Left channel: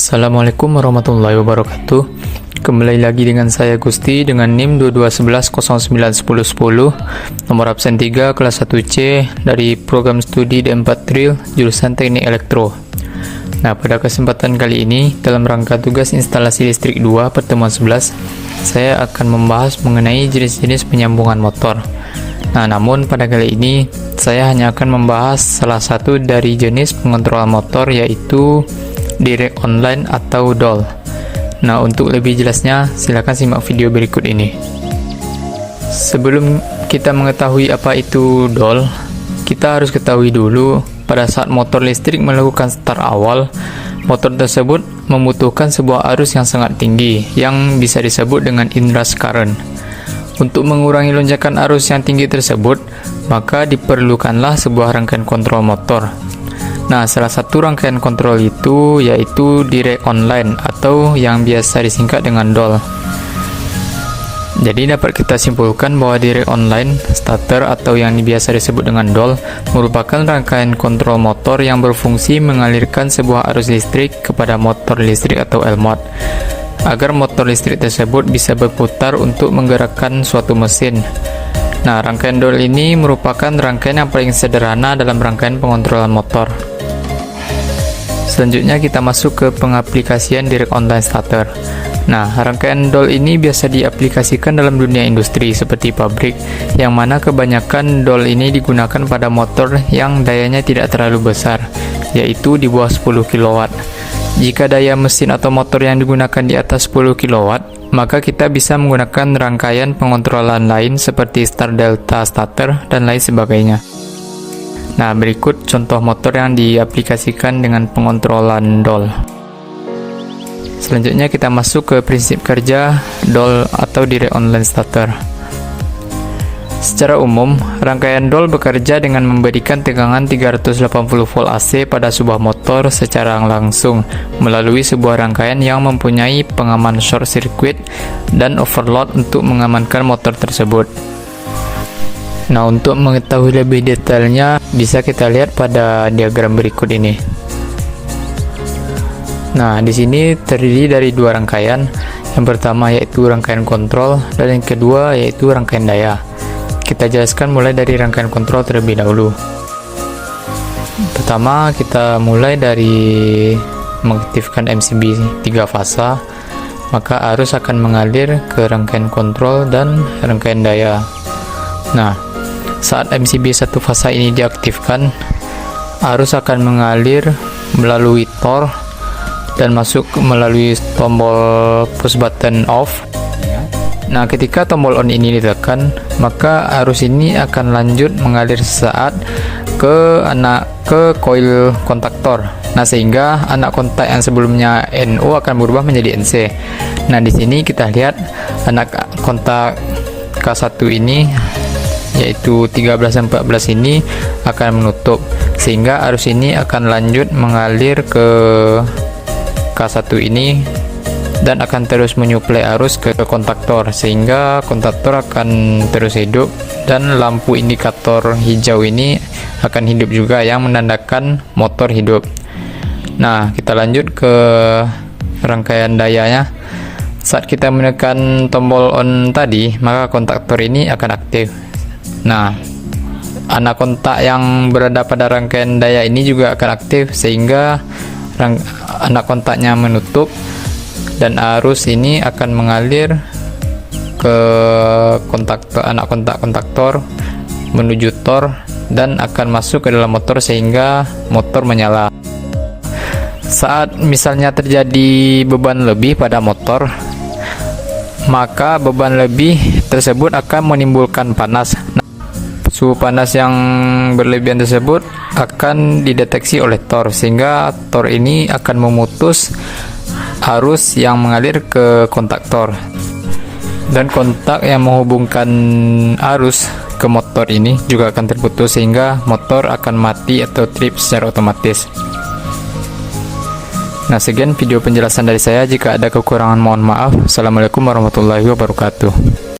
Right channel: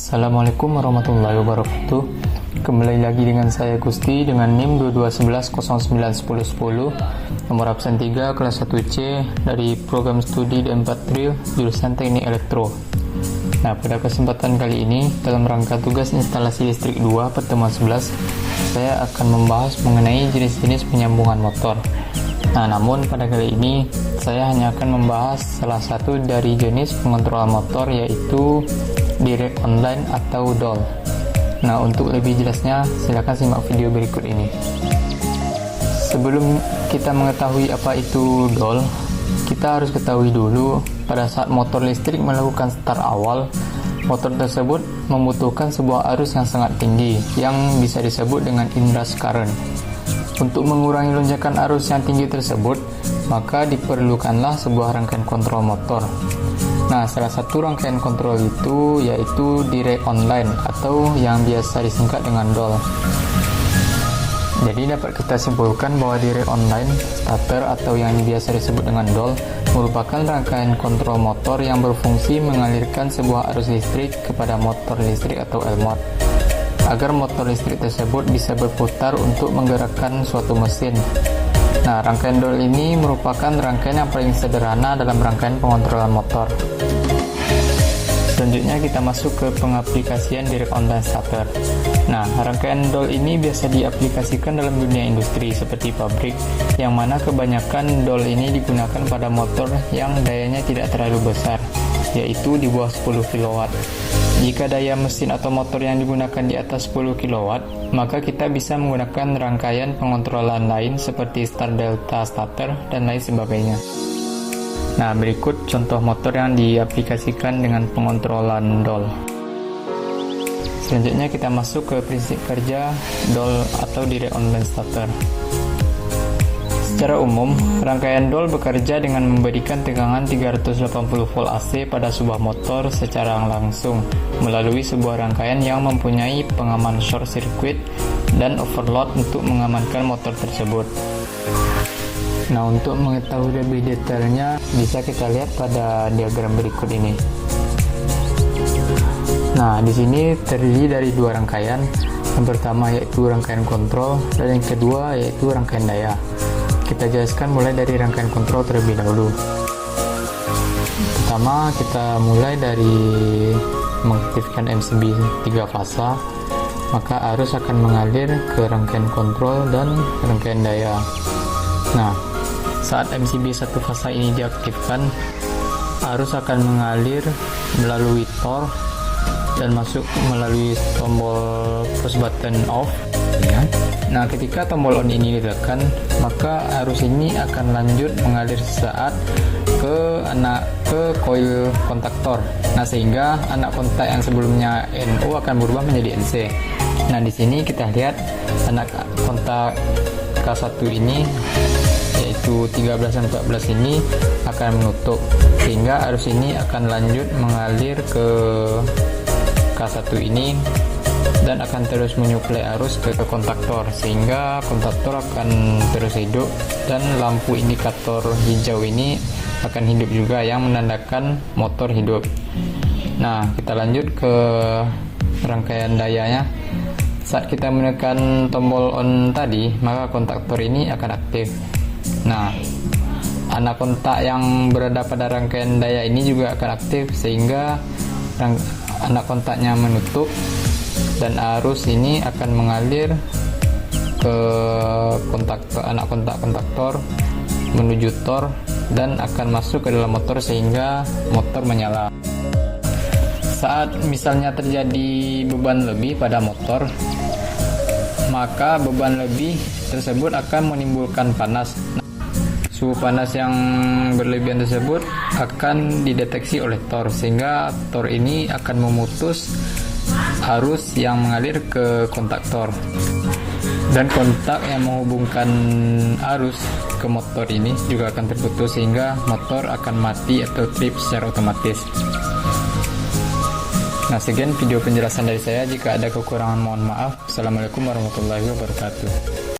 Assalamualaikum warahmatullahi wabarakatuh. Kembali lagi dengan saya Gusti dengan NIM 2211091010, nomor absen 3 kelas 1C dari program studi D4 Tril jurusan Teknik Elektro. Nah, pada kesempatan kali ini dalam rangka tugas instalasi listrik 2 pertemuan 11, saya akan membahas mengenai jenis-jenis penyambungan motor. Nah, namun pada kali ini saya hanya akan membahas salah satu dari jenis pengontrol motor, yaitu direct online atau DOL. Nah, untuk lebih jelasnya silakan simak video berikut ini. Sebelum kita mengetahui apa itu DOL, kita harus ketahui dulu pada saat motor listrik melakukan start awal, motor tersebut membutuhkan sebuah arus yang sangat tinggi yang bisa disebut dengan inrush current. Untuk mengurangi lonjakan arus yang tinggi tersebut, maka diperlukanlah sebuah rangkaian kontrol motor. Nah, salah satu rangkaian kontrol itu yaitu direct online atau yang biasa disingkat dengan DOL. Jadi dapat kita simpulkan bahwa direct online starter atau yang biasa disebut dengan DOL merupakan rangkaian kontrol motor yang berfungsi mengalirkan sebuah arus listrik kepada motor listrik atau Elmot agar motor listrik tersebut bisa berputar untuk menggerakkan suatu mesin. Nah, rangkaian DOL ini merupakan rangkaian yang paling sederhana dalam rangkaian pengontrolan motor. Selanjutnya kita masuk ke pengaplikasian direct online starter. Nah, rangkaian DOL ini biasa diaplikasikan dalam dunia industri seperti pabrik, yang mana kebanyakan DOL ini digunakan pada motor yang dayanya tidak terlalu besar, yaitu di bawah 10 kW. Jika daya mesin atau motor yang digunakan di atas 10 kW, maka kita bisa menggunakan rangkaian pengontrolan lain seperti start delta starter dan lain sebagainya. Nah, berikut contoh motor yang diaplikasikan dengan pengontrolan DOL. Selanjutnya kita masuk ke prinsip kerja DOL atau direct online starter. Secara umum, rangkaian DOL bekerja dengan memberikan tegangan 380 volt AC pada sebuah motor secara langsung melalui sebuah rangkaian yang mempunyai pengaman short circuit dan overload untuk mengamankan motor tersebut. Nah, untuk mengetahui lebih detailnya bisa kita lihat pada diagram berikut ini. Nah, di sini terdiri dari dua rangkaian. Yang pertama yaitu rangkaian kontrol dan yang kedua yaitu rangkaian daya. Kita jelaskan mulai dari rangkaian kontrol terlebih dahulu. Pertama, kita mulai dari mengaktifkan MCB 3 fasa, maka arus akan mengalir ke rangkaian kontrol dan rangkaian daya. Nah, saat MCB 1 fasa ini diaktifkan, arus akan mengalir melalui tor dan masuk melalui tombol push button off. Nah, ketika tombol on ini ditekan, maka arus ini akan lanjut mengalir sesaat ke koil kontaktor. Nah, sehingga anak kontak yang sebelumnya NO akan berubah menjadi NC. Nah, di sini kita lihat anak kontak K1 ini yaitu 13 dan 14 ini akan menutup, sehingga arus ini akan lanjut mengalir ke K1 ini dan akan terus menyuplai arus ke kontaktor, sehingga kontaktor akan terus hidup dan lampu indikator hijau ini akan hidup juga yang menandakan motor hidup. Nah, kita lanjut ke rangkaian dayanya. Saat kita menekan tombol on tadi, maka kontaktor ini akan aktif. Nah, anak kontak yang berada pada rangkaian daya ini juga akan aktif, sehingga anak kontaknya menutup dan arus ini akan mengalir ke kontaktor, anak kontaktor menuju tor dan akan masuk ke dalam motor sehingga motor menyala. Saat misalnya terjadi beban lebih pada motor, maka beban lebih tersebut akan menimbulkan panas. Suhu panas yang berlebihan tersebut akan dideteksi oleh tor, sehingga tor ini akan memutus arus yang mengalir ke kontaktor, dan kontak yang menghubungkan arus ke motor ini juga akan terputus, sehingga motor akan mati atau trip secara otomatis. Nah, sekian video penjelasan dari saya. Jika ada kekurangan mohon maaf. Assalamualaikum warahmatullahi wabarakatuh.